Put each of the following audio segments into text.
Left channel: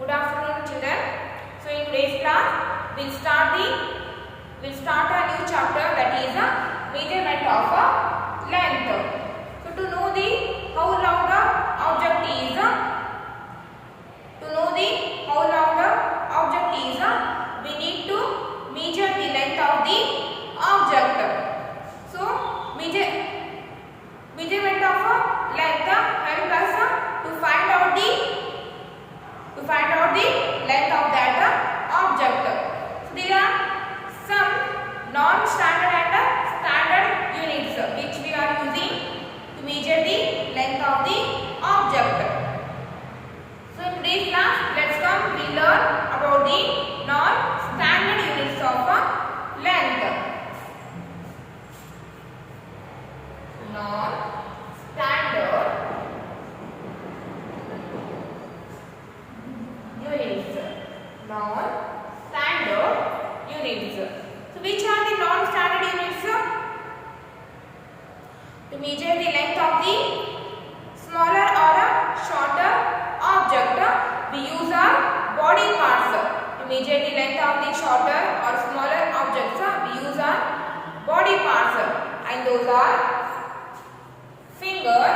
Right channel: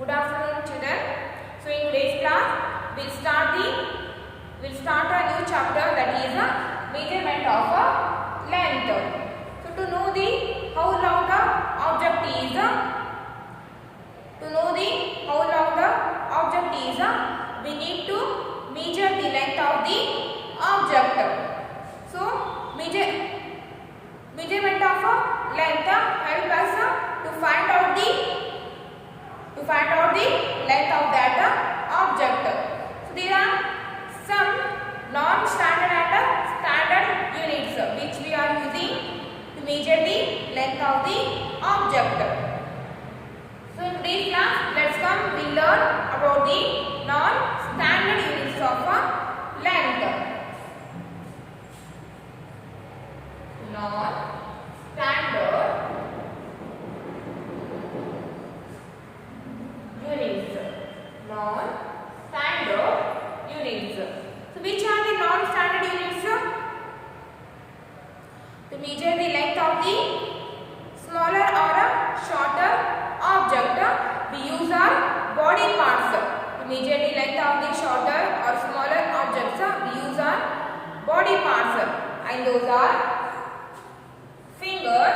Good afternoon, children. So in today's class, we'll start a new chapter, that is a measurement of a length. So to know how long the object is, we need to measure the length of the object. So measurement of a length helps us to find out the length of that object. So there are some non-standard and standard units which we are using to measure the length of the object. So in today's class, let's we learn about the non-standard units of length. Non-standard units. Non-standard units. So which are the non-standard units? To measure the length of the smaller or a shorter object, we use our body parts. To measure the length of the shorter or smaller objects, we use our body parts, and those are finger,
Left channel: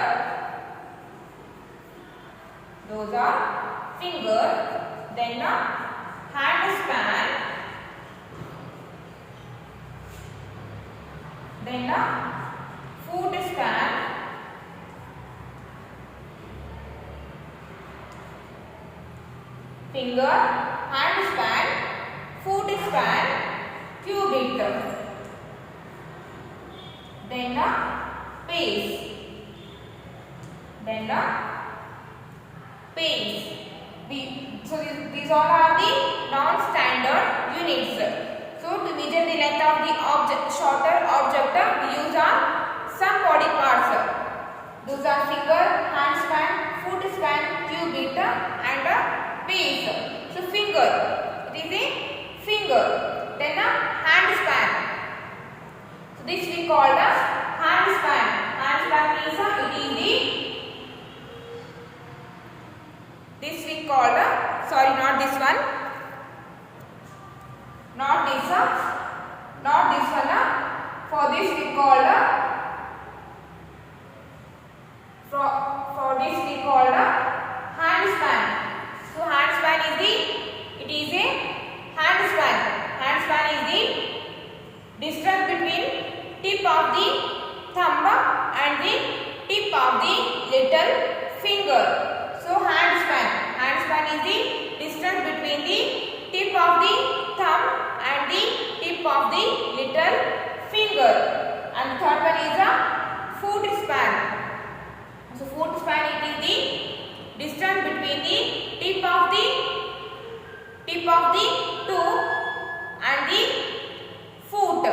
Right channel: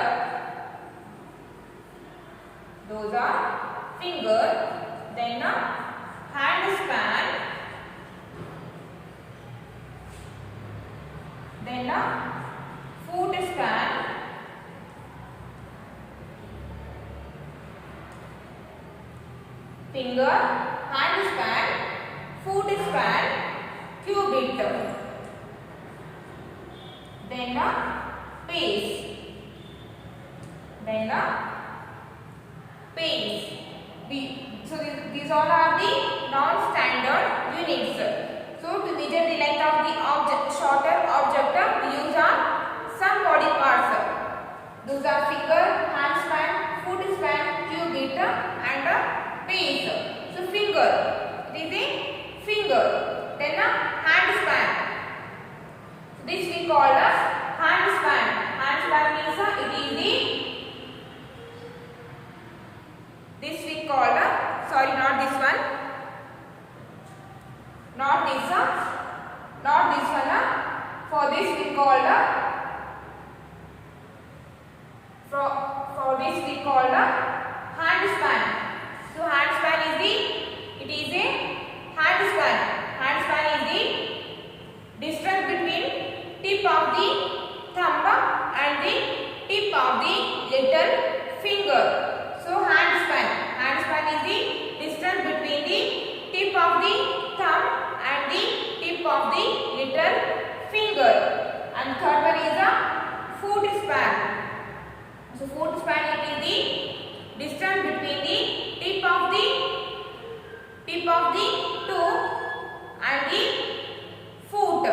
then hand span, then foot span, finger, hand span, foot span, cubit, then pace, So these all are the non-standard units. So to measure the length of the shorter object, we use some body parts. Those are finger, hand span, foot span, cubit, and pace. So finger, it is a finger. Then hand span. So this we call as hand span. Hand span means this we call sorry, not this one. Not this one. For this we call hand span. So hand span is a hand span. Hand span is the distance between tip of the thumb and the tip of the little finger. So hand span is the distance between the tip of the thumb and the tip of the little finger. And third one is a foot span. So foot span, it is the distance between the tip of the toe and the foot.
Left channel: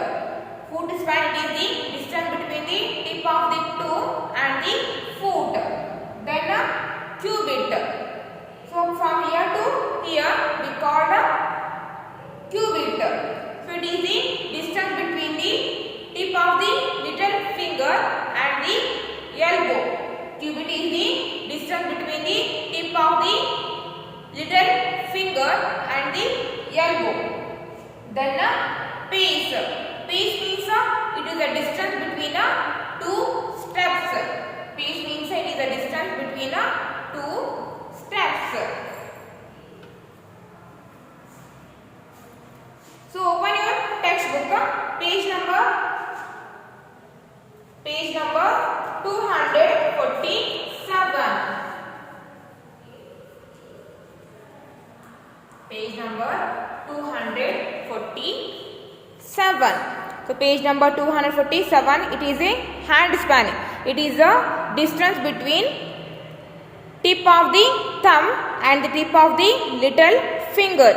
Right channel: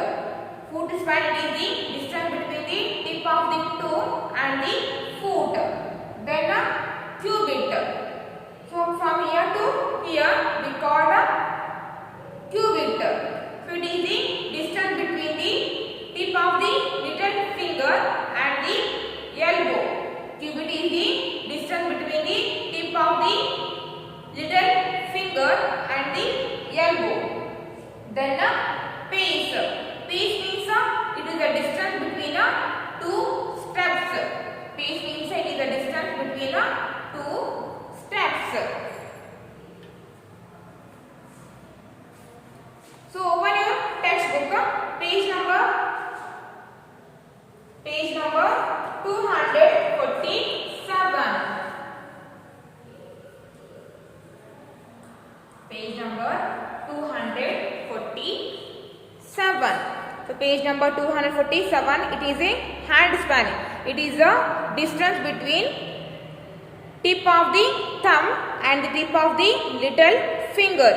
Foot span, it is the distance between the tip of the toe and the foot. Then cubit. So from here to here we call cubit. So it is the distance between the tip of the little finger and the elbow. Cubit is the distance between the tip of the little finger and the elbow. Then pace. Pace means it is the distance between two steps. Pace means it is the distance between two steps. So open your textbook, page number 247. Page number 247. So page number 247, it is a hand span. It is a distance between tip of the thumb and the tip of the little finger.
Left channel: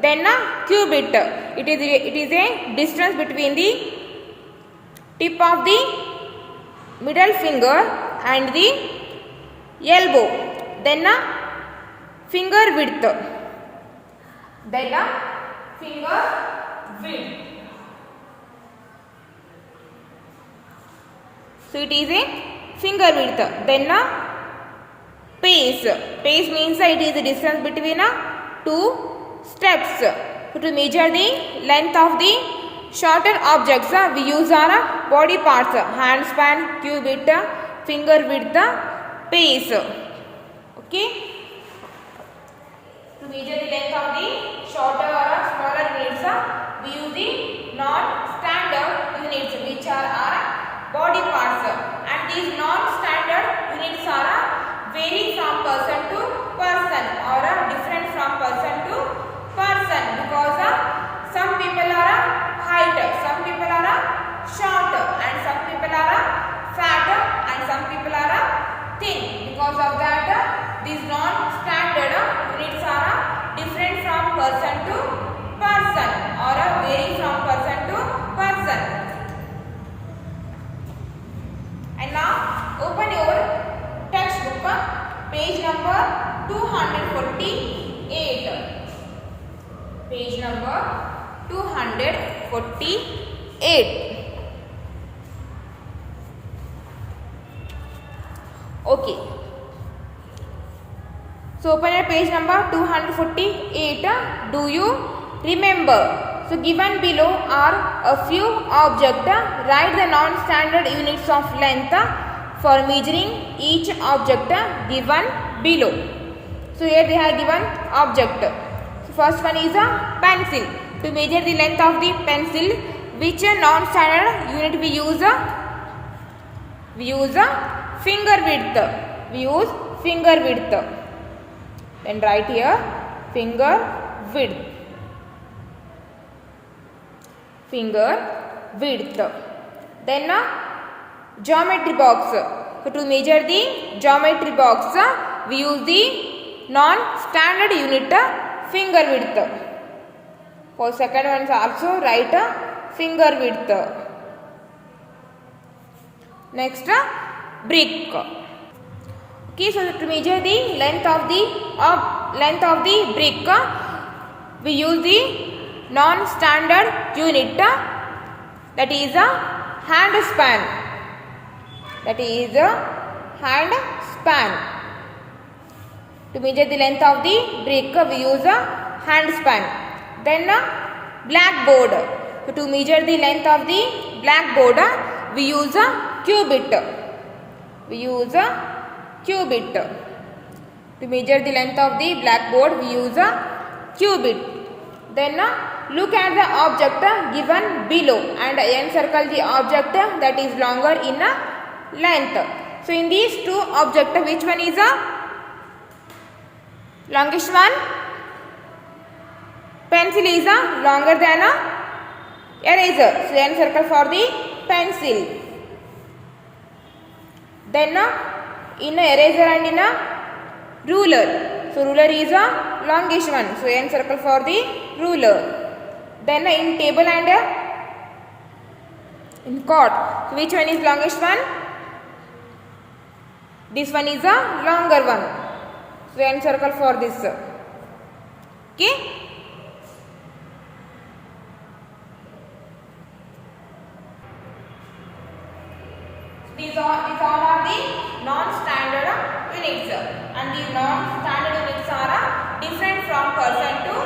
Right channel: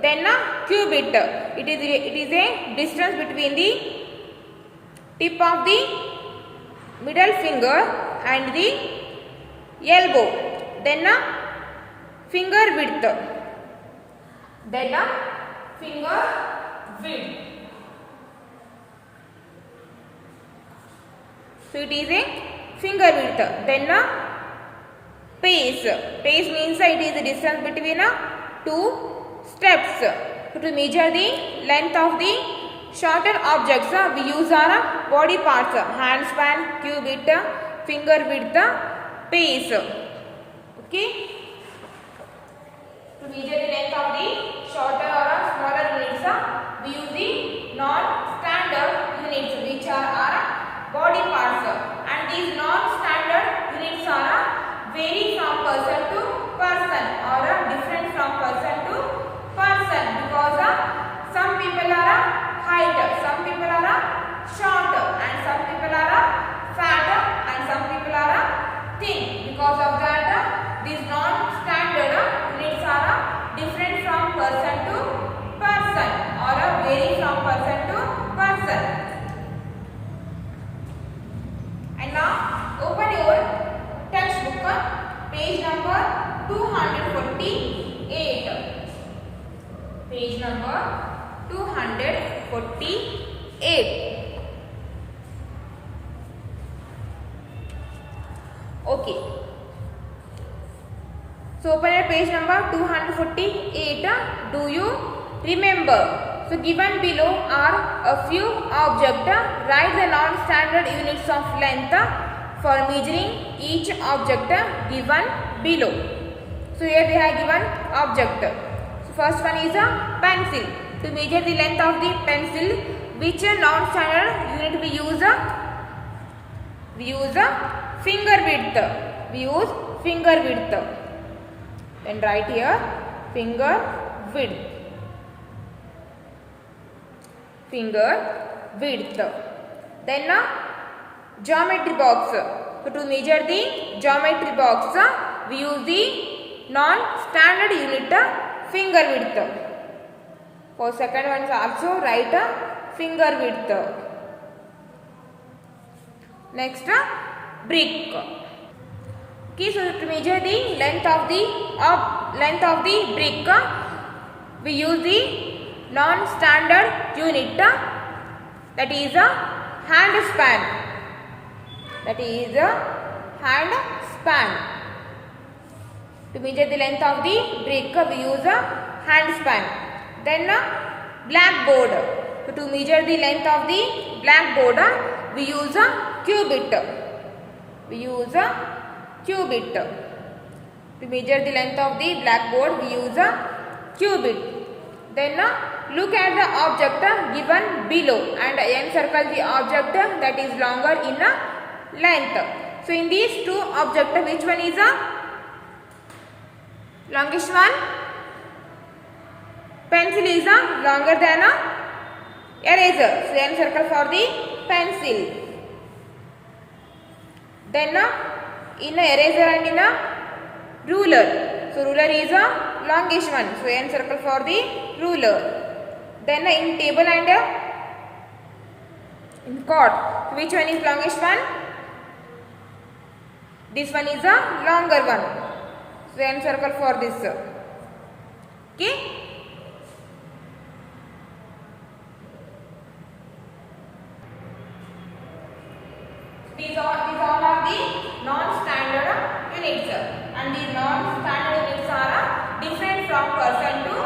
Then cubit, it is a distance between the tip of the middle finger and the elbow. Then finger width. So it is a finger width. Then pace. Pace means it is the distance between 2 steps. So to measure the length of the shorter objects, we use our body parts: hand span, cubit, finger width, pace. Okay. To measure the length of the shorter or smaller units, we use the non-standard units, which are our body parts. And these non-standard units are vary from person to person or different from person to person, because some people are height, some people are short, and some people are fat, and some people are thin. Because of that, these non-standard units are different from person to person or vary from person to person. And now open your textbook, page number 248. Page number 248. Okay. So open at page number 248. Do you remember? So given below are a few objects. Write the non-standard units of length for measuring each object given below. So here they have given object. So first one is a pencil. To measure the length of the pencil, which non-standard unit we use? We use finger width. We use finger width. Then write here finger width. Finger width. Then geometry box. So to measure the geometry box, we use the non-standard unit finger width. For second one also write finger width. Next brick. Okay, so to measure the length of the brick, we use the non-standard unit, that is a hand span. That is a hand span. To measure the length of the brick, we use a hand span. Then blackboard. So to measure the length of the blackboard, we use a cubit. We use a cubit. To measure the length of the blackboard, we use a cubit. Then look at the object given below and encircle the object that is longer in length. So in these two objects, which one is a longest one? Pencil is longer than eraser. So encircle for the pencil. Then in eraser and in ruler. So ruler is a longest one. So encircle for the ruler. Then in table and in cord. So which one is longest one? This one is a longer one. So encircle for this. Okay. These all are the non-standard units, and these non-standard units are different from person to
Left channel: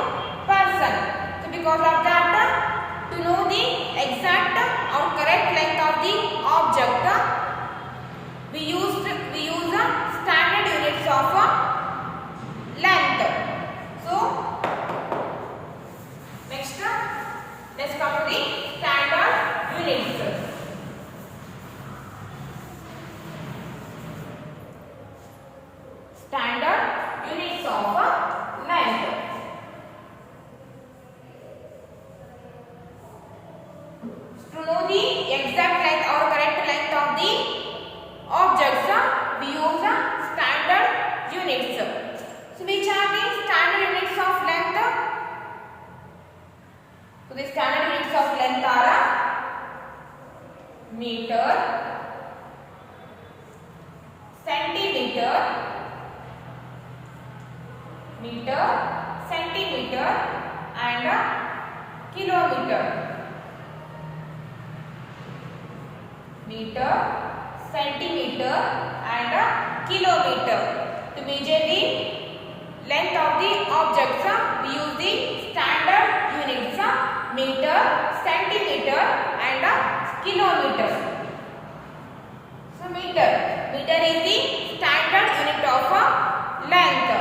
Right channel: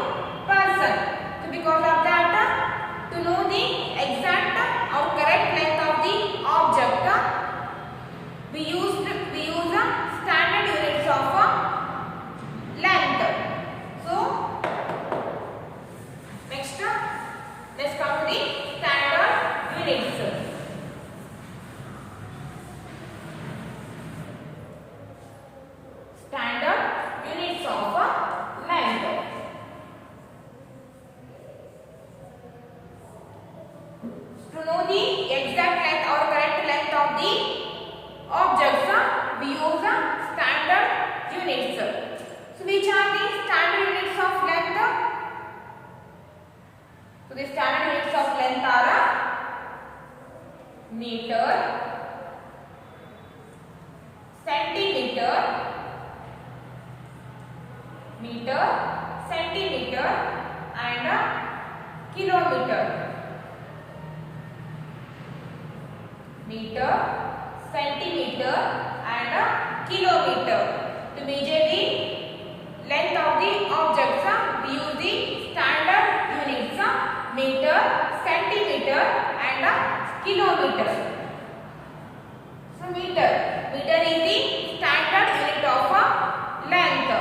person. So because of that, to know the exact or correct length of the object, we use standard units of length. So next, let's come to the standard units. Standard units of length. To know the exact length or correct length of the objects, we use standard units. So which are the standard units of length? So the standard units of length are meter, centimeter, centimeter and kilometer. Meter, centimeter and kilometer. To measure the length of the objects, kilometer. So meter is the standard unit of length.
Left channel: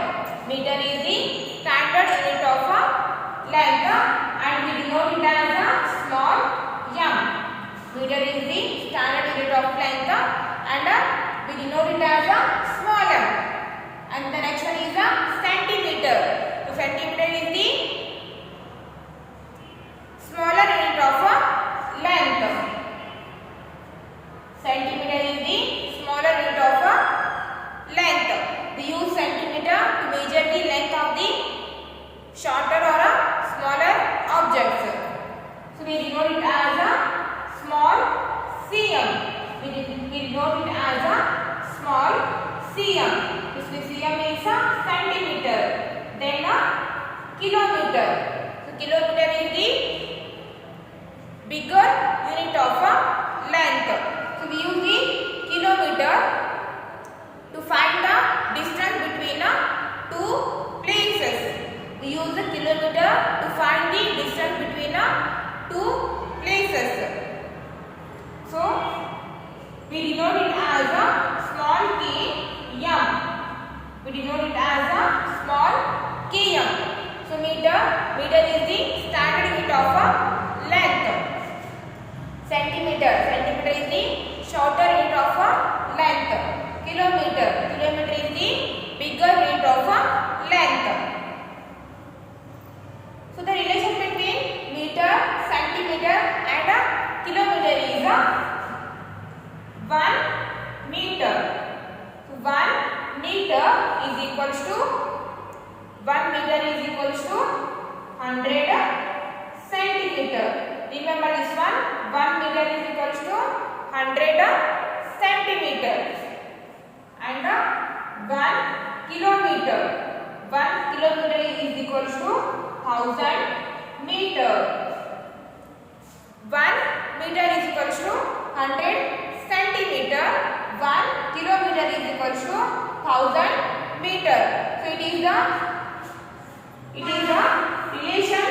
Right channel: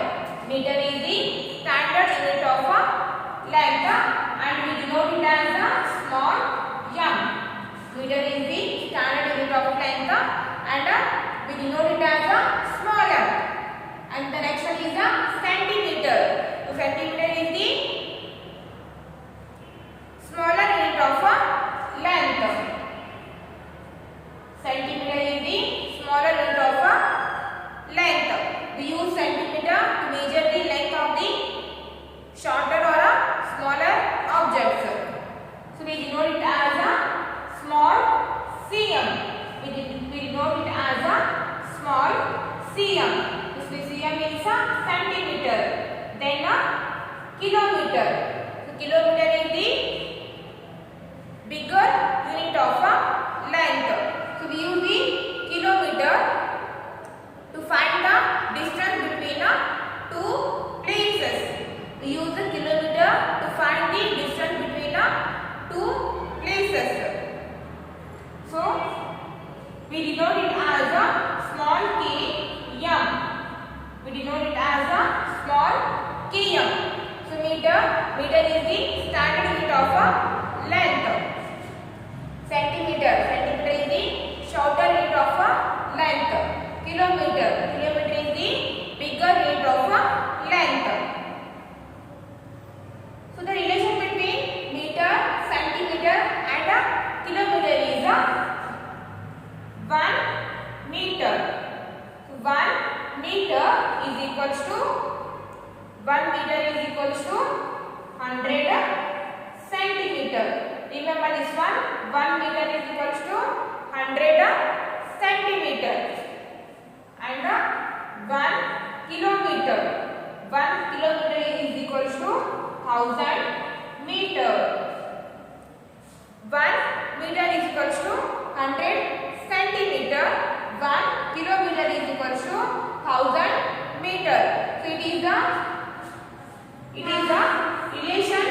Meter is the standard unit of length and we denote it as a small m. Meter is the standard unit of length and we denote it as a small m. And the next one is a centimeter. So centimeter is the smaller unit of length. Centimeter is the smaller unit of length. We use centimeter to measure the length of the shorter or smaller objects. So we denote it as a small cm. We denote it as a small cm. This cm is a centimeter. Then a kilometer. So kilometer is the bigger unit of length. So we use the kilometer to find the distance between two places. We use the kilometer to find the distance between two places. So we denote it as a small km. We denote it as a small km. So meter is the standard unit of length. Centimeter is the shorter unit of length. Kilometer is the bigger unit of length. So the relation between meter, centimeter and kilometer is 1 meter. So 1 meter is equals to 100 centimeter. Remember this one, 1 meter is equals to 100 centimeter. And 1 kilometer. 1 kilometer is equals to 1000 meter. 1 meter is equals to 100 centimeter. 1 kilometer is equals to 1000 meter. So it is the relation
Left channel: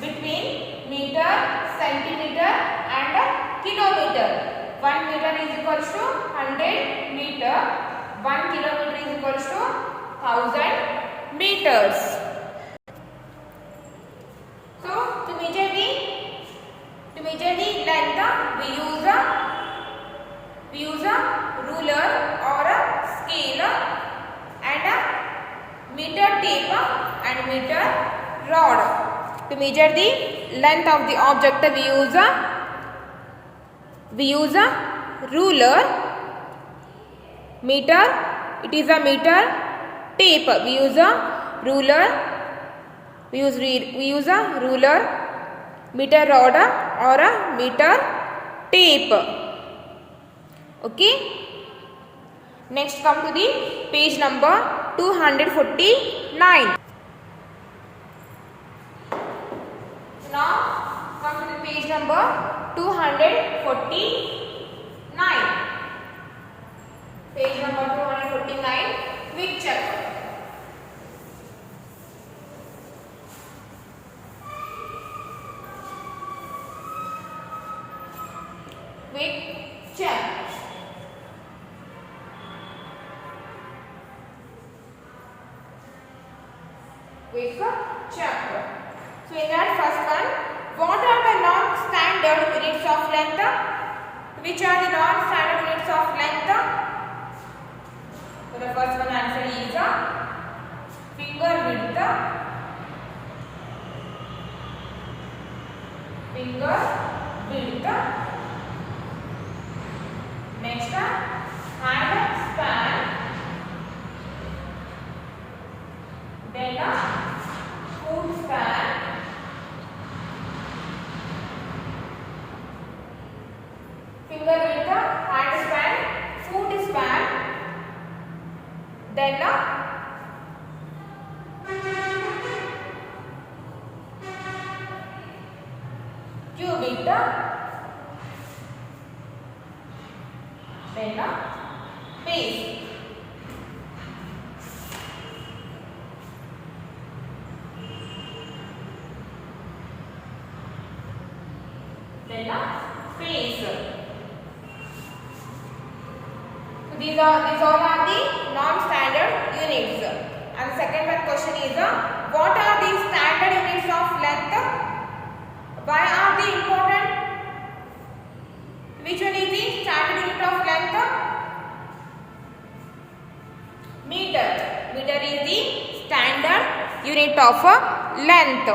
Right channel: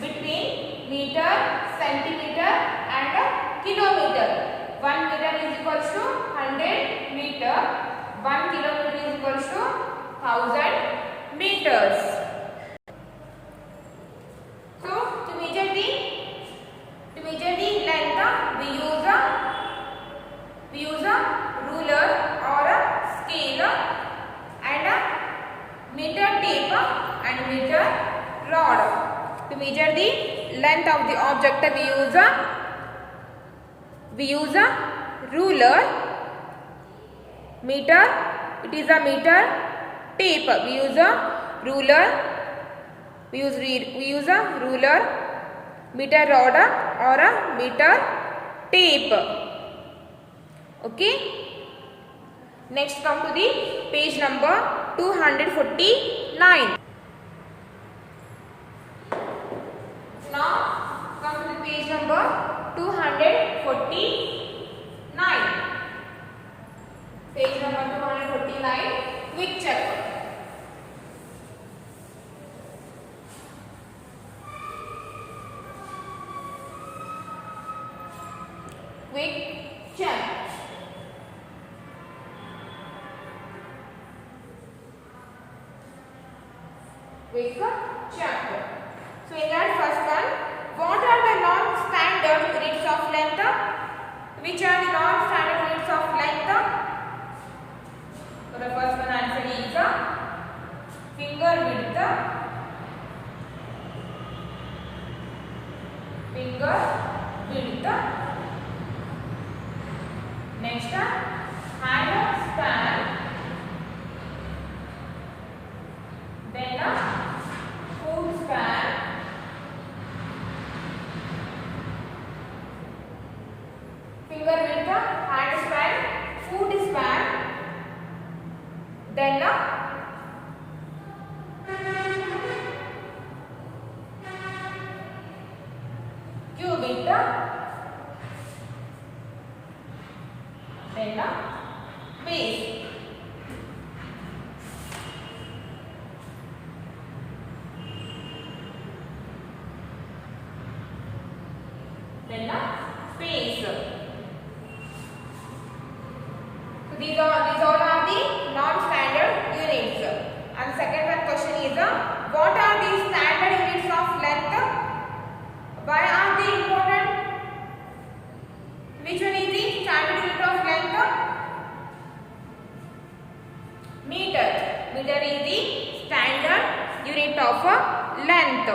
between meter, centimeter and kilometer. 1 meter is equals to 100 meter. 1 kilometer is equals to 1000 meters. So to measure the length, we use a ruler or a scale and a meter tape and meter rod. To measure the length of the object, we use a ruler. Meter, it is a meter tape. We use a ruler. We use a ruler, meter rod or a meter tape. Okay. Next, come to the page number 249. Now come to the page number 249. Page number 249. Quick check. Quick check. Quick check. So in that first one, what are the non-standard units of length? Which are the non-standard units of length? So the first one answer is finger width. Finger width. Next, hand span. Then foot span. Finger width, hand span, foot span. Then cubit. Then base. Then units. So these all are the non-standard units. And the second one question is what are the standard units of length? Why are they important? Which one is the standard unit of length? Meter. Meter is the standard unit of length.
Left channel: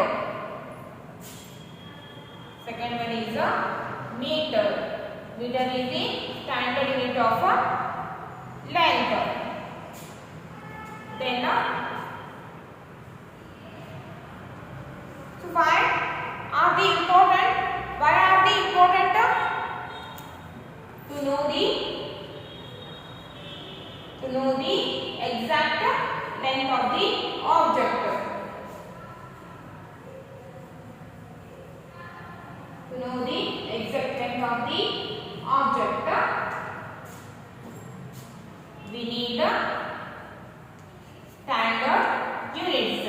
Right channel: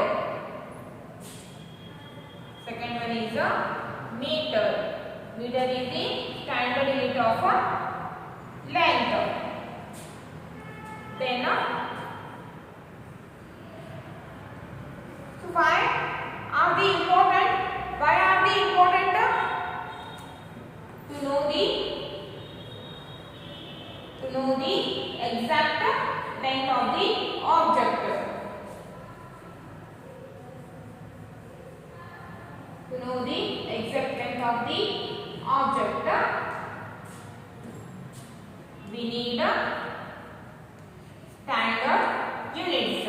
Second one is meter. Meter is the standard unit of length. Then so why are they important? Why are they important? To know the exact length of the object. To know the exact length of the object, we need standard units.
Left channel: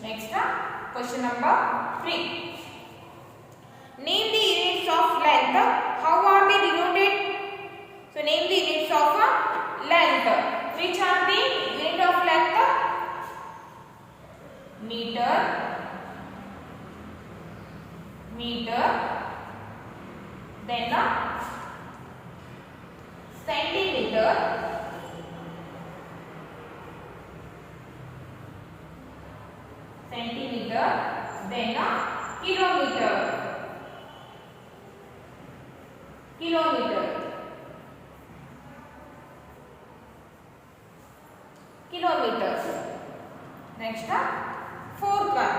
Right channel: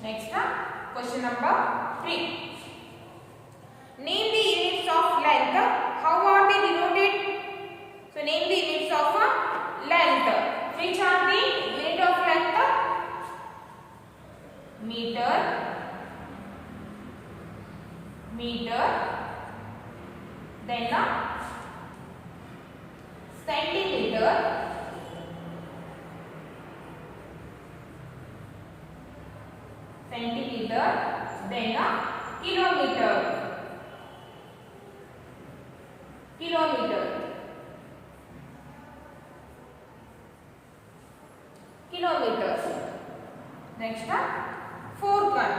Next, question number 3. Name the units of length. How are they denoted? So name the units of length. Which are the unit of length? Meter, then centimeter, then kilometer. Next, fourth one.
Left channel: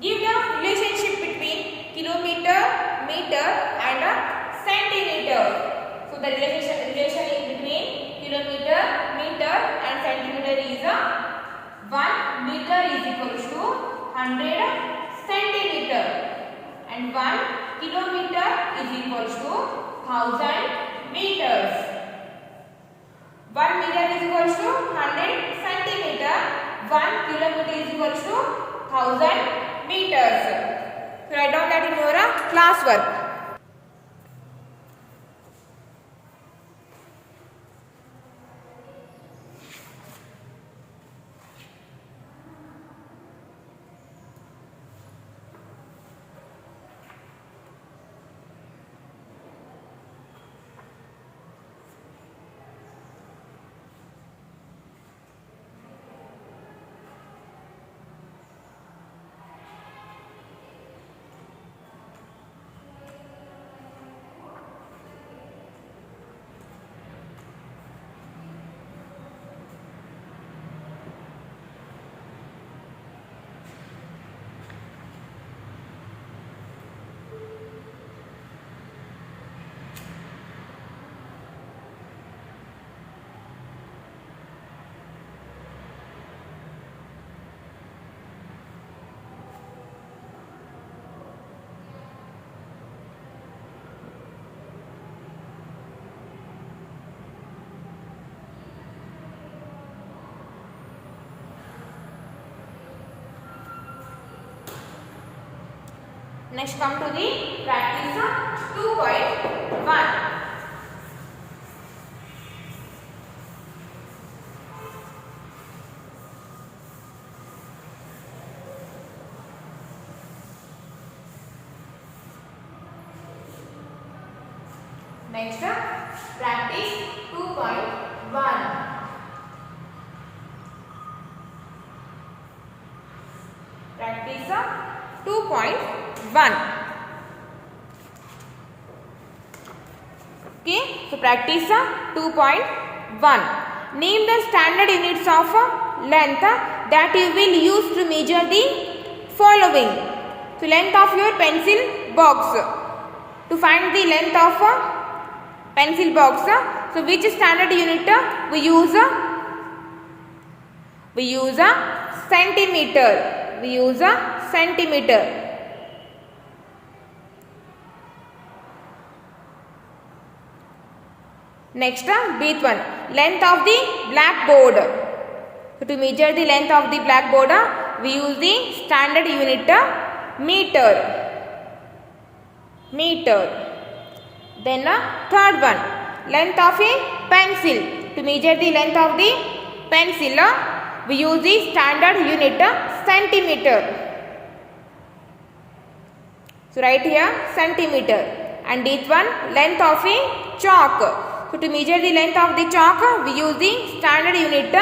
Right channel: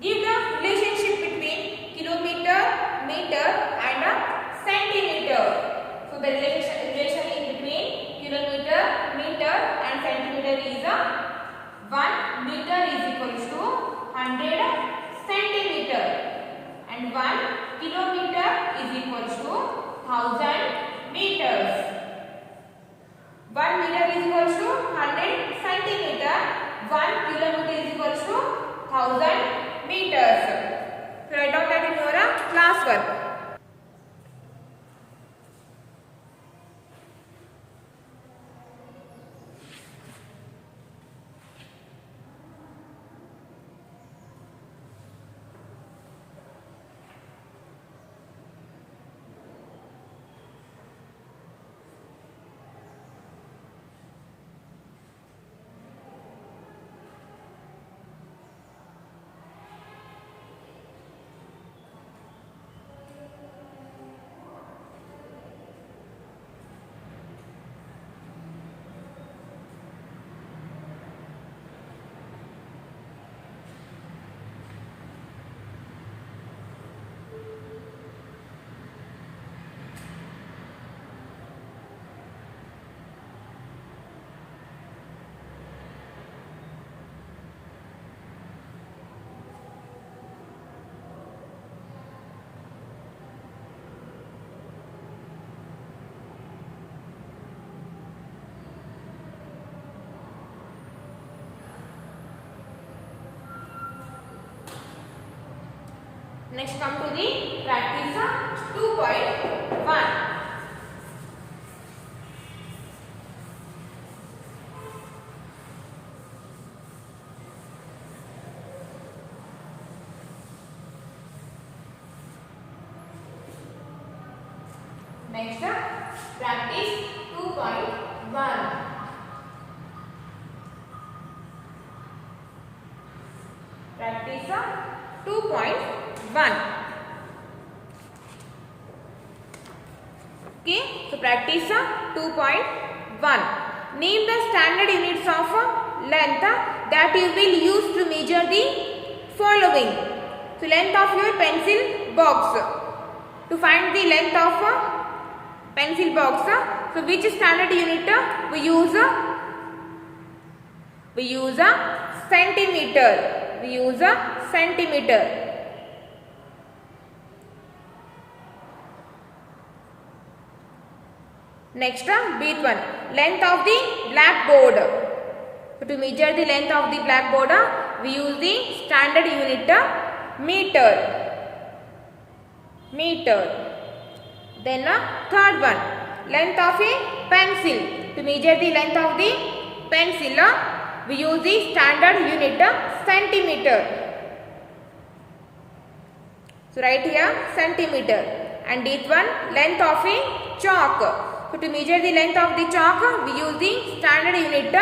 Give the relationship between kilometer, meter and centimeter. So the relation between kilometer, meter and centimeter is 1 meter is equal to 100 centimeter and 1 kilometer is equal to 1000 meters. 1 meter is equal to 100 centimeter. 1 kilometer is equal to 1000 meters. So write down that in your class work. Next, come to the practice 2.1. Next, practice 2.1. Practice 2.1. Okay, so practice 2.1. Name the standard units of length that you will use to measure the following. So length of your pencil box. To find the length of pencil box, so which standard unit we use? We use a centimeter. We use a centimeter. Next, breath one. Length of the blackboard. So to measure the length of the blackboard, we use the standard unit meter. Then third one, length of a pencil. To measure the length of the pencil, we use the standard unit centimeter. So write here centimeter. And this one, length of a chalk. So to measure the length of the chalk, we use the standard unit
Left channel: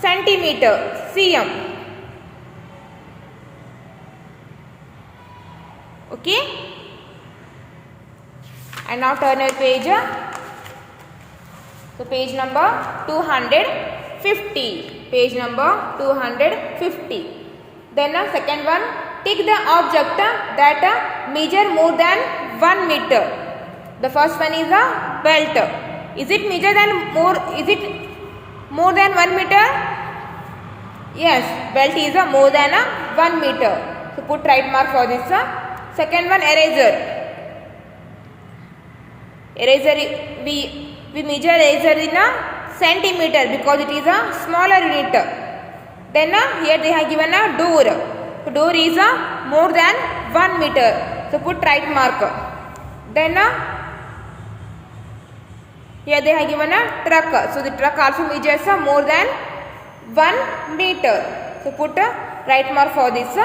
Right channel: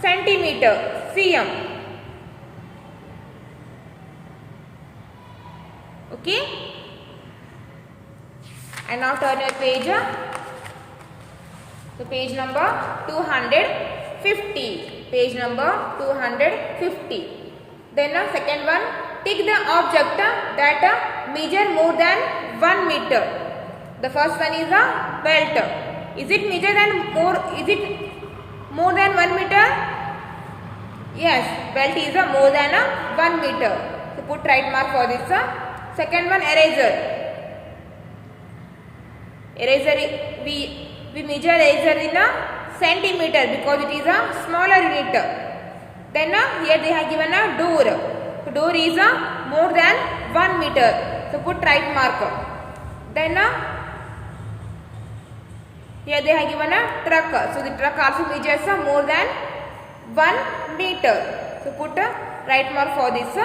centimeter, cm. Okay. And now turn your page. So page number 250. Page number 250. Then second one, take the object that measure more than 1 meter. The first one is a belt. Is it measure than more? Is it more than 1 meter? Yes, belt is more than 1 meter. So put right mark for this. Second one, eraser. Eraser, we measure eraser in a centimeter because it is a smaller unit. Then here they have given a door. So door is more than 1 meter. So put right mark. Then here they have given a truck. So the truck also measures more than 1 meter. So put right mark for this.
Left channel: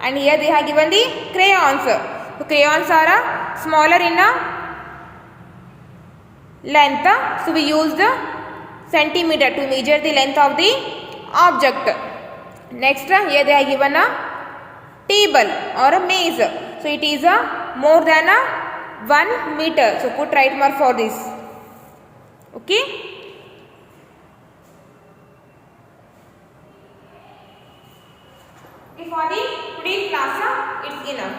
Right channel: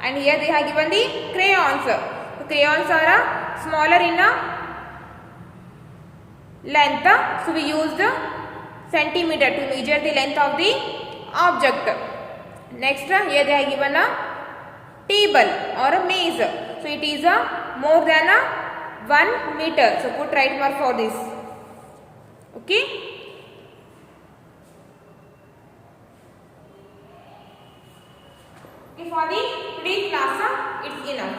And here they have given the crayons. So crayons are smaller in length. So we used centimeter to measure the length of the object. Next here they have given a table or a maze. So it is more than 1 meter. So put right mark for this. Okay. For the today's class, it's enough.